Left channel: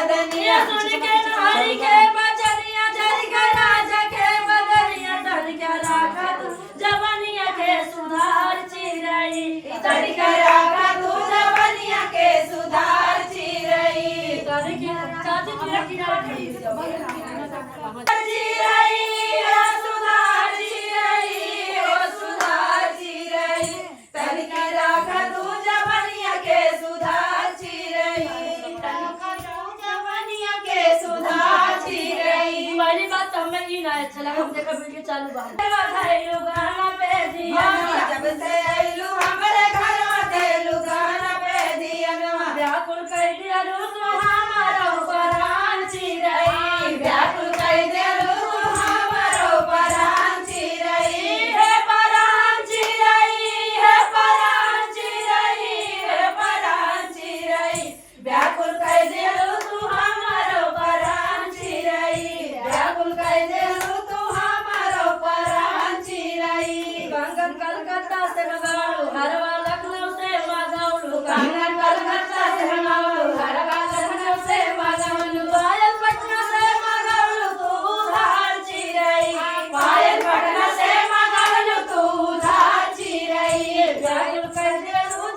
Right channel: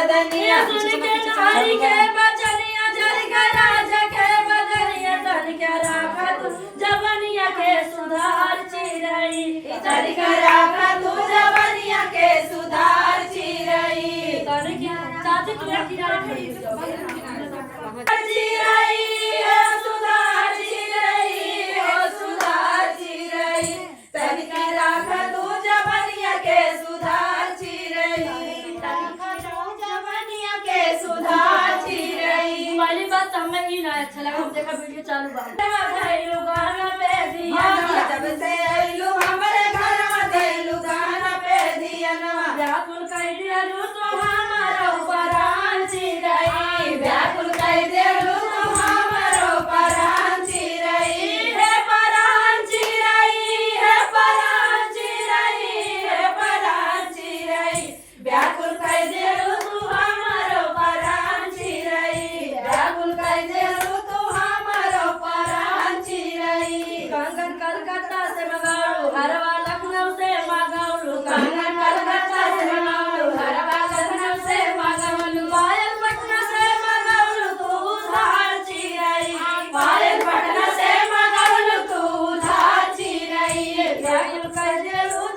बदनिया सुन के नारी के बचनिया जर के राजा के बदनिया तन के राखा तू जवनिया के सुधार चिरई तन के राखा तू जवनिया के सुधार चिरई तन के चाची तुझे किनारे खड़ी चिरई हो सुधार चिरई हो सुधार चिरई तन के राखा तू जवनिया के सुधार चिरई पहली बात हमें ही ना अच्छा लगा हम देखा वीडियो चालू गाना पे दिया जब से आइलू हमरे घर में गाना पे दिया व्याकुल कह दिया तो हमारा परान चिरई व्याकुल कह दिया तो हमारा परान चिरई है परान चिरई है परान चिरई है परान चिरई व्याकुल कह दिया तो हमारा परान चिरई व्याकुल कह दिया तो हमारा परान चिरई कंगन कलकत्ता से मंगाऊ हरवा लखनऊ से मंगाऊ कंगन कलकत्ता से मंगाऊ हरवा लखनऊ से मंगाऊ पायल पटना से मंगाऊ तू उधार चिरई पायल पटना से मंगाऊ तू उधार चिरई व्याकुल कह दिया तो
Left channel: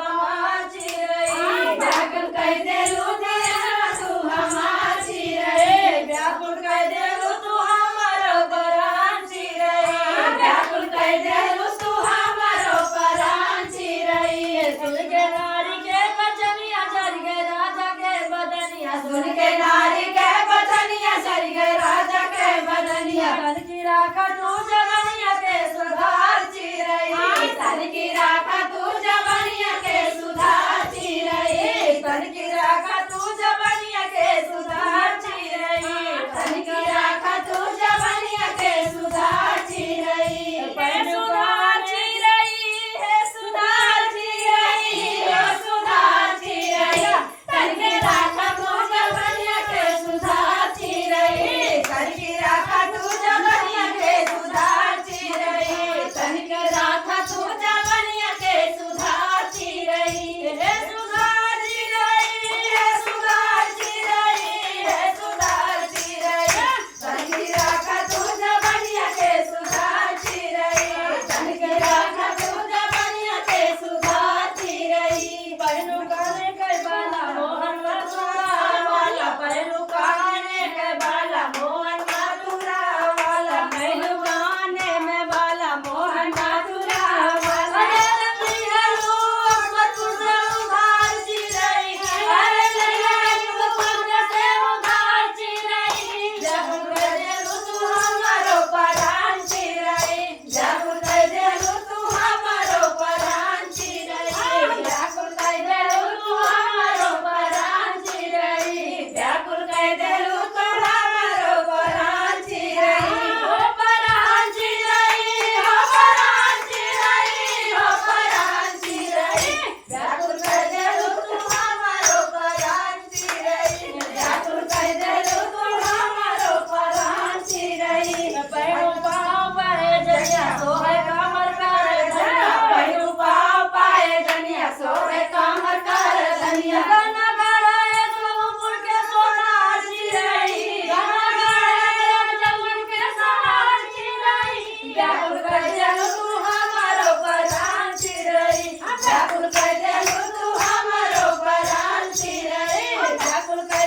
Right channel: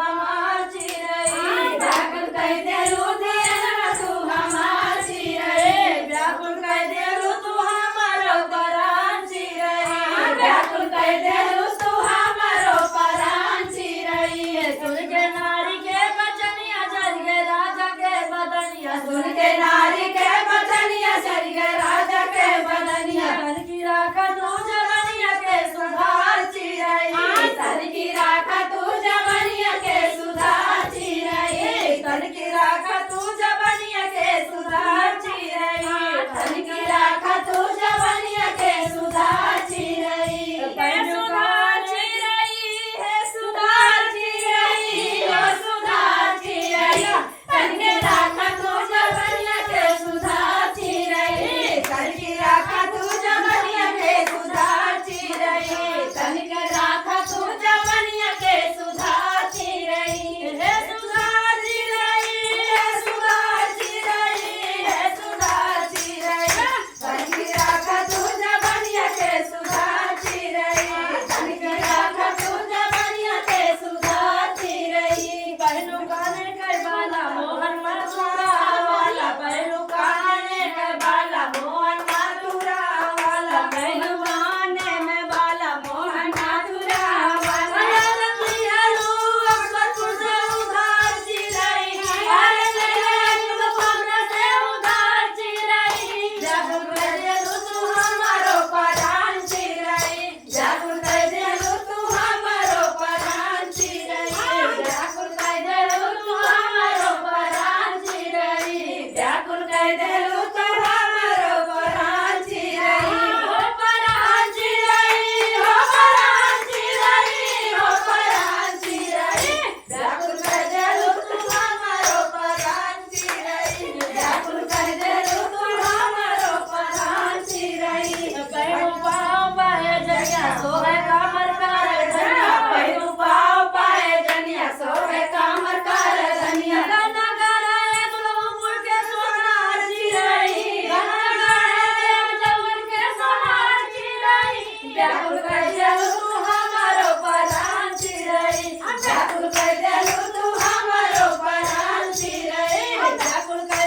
हमार चिरई व्याकुल कह दिया तो हमार चिरई व्याकुल कह दिया तू हमारो परान चिरई व्याकुल कह दिया तू हमारो परान चिरई सुन के नारी के बचनिया चल गए राजा के बदनिया सुन के नारी के बचनिया चल गए राजा के बदनिया तन की राखा तू जवनिया के सुधार चिरई तन की राखा तू जवनिया के सुधार चिरई तन की राखा तू जवनिया के सुधार चिरई तन की राखा तू जवनिया के सुधार चिरई सुधार चिरई है सुधार चिरई है सुधार चिरई तन की राखा तू जवनिया के सुधार चिरई तन की राखा तू जवनिया के सुधार चिरई तन की राखा तू जवनिया के सुधार चिरई है सुधार चिरई है सुधार चिरई है सुधार चिरई तन की राखा तू जवनिया के सुधार चिरई तन की राखा तू जवनिया के सुधार चिरई पहलू काने के बाला मोहन मथुरा वाला पहलू काने के बाला मोहन मथुरा वाला पहलू काने में बाला मोहन मथुरा वाला अरे दियालू अकबरपुर से उधार चिरई अरे दियालू अकबरपुर से उधार चिरई जब गए तू हमारो परान चिरई जब गए तू हमारो परान चिरई व्याकुल कह देलू तू हमारो परान चिरई व्याकुल कह देलू तू हमारो परान चिरई हो परान चिरई हो परान चिरई हो परान चिरई व्याकुल कह देलू तू हमारो परान चिरई व्याकुल कह देलू तू हमारो परान चिरई पैरो पाओ पाए जनिया सोहे कामर कर धनिया पैरो पाओ पाए जनिया सोहे कामर कर धनिया गाना गाड़ा है दुल्हनपुर के सोनार चिरई गाना गाड़ा है जमुन के सोनार चिरई व्याकुल कह देलू तू हमारो परान चिरई व्याकुल कह देलू तू हमारो परान चिरई व्याकुल कह